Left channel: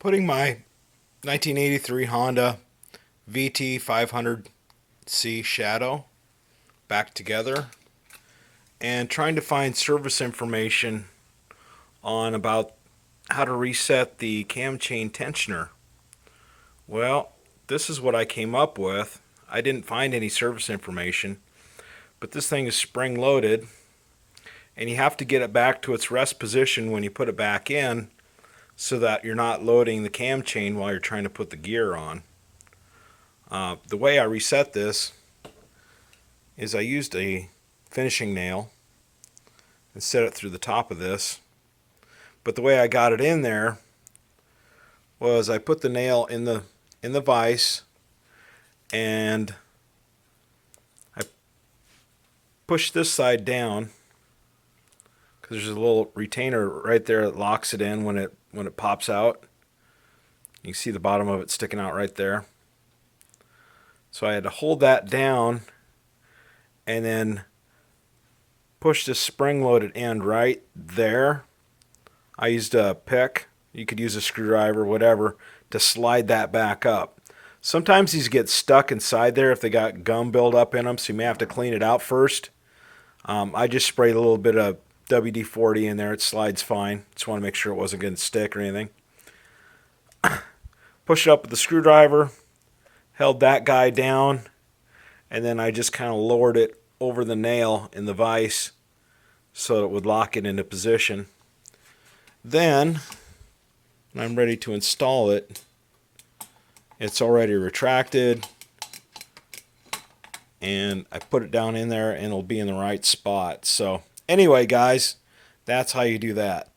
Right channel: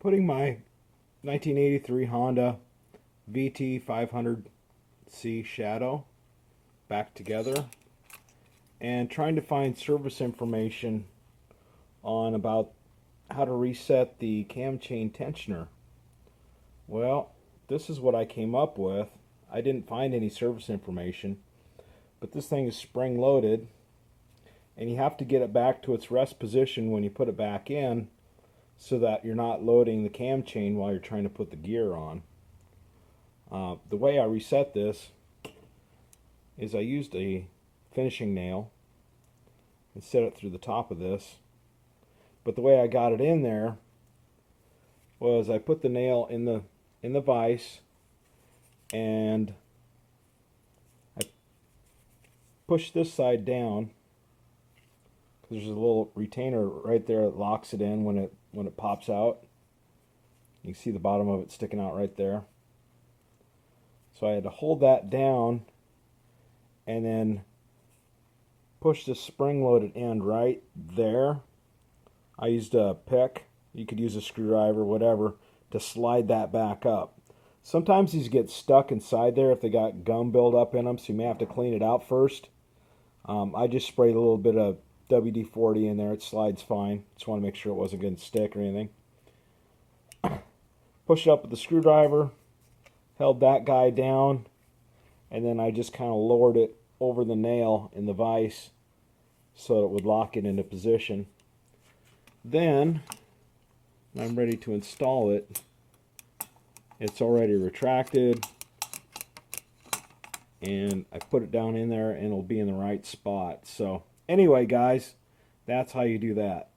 Putting my 1983 Honda VT500C Shadow back together and trying to find service information on about how to reset the cam chain tensioner. Well, this is what I came up with. I didn't find any service information, but this thing is spring loaded and you have to get it back to its rest position when you put it back in so that you're not loading the cam chain while you're trying to put the gear on. The way I reset this is I used a finishing nail and set it through the top of this. But the way I got it in there was I put the nail in the vise and I pushed this side down because there's a little retainer right there that locks it in when it pops out. You can see the bottom of it sticking out right there. So I had to hold that down and then push this spring-loaded end right there. I used a pick. You could use a screwdriver, whatever, to slide that back up. Sometimes these get stuck inside there if they got gum buildup in them, so you may have to clean it out first. I just sprayed a little bit of WD-40 in there. It slides fine. Just want to make sure it wasn't going to stick or anything. Push it up with the screwdriver, held that guy down, and then I just kind of lowered it over the nail in the vise so it would lock it into position. Then, when I'm ready to install it, it's already retracted, and I put it down in there and it'll be in the right spot. So anyway, guys, that's how you do that.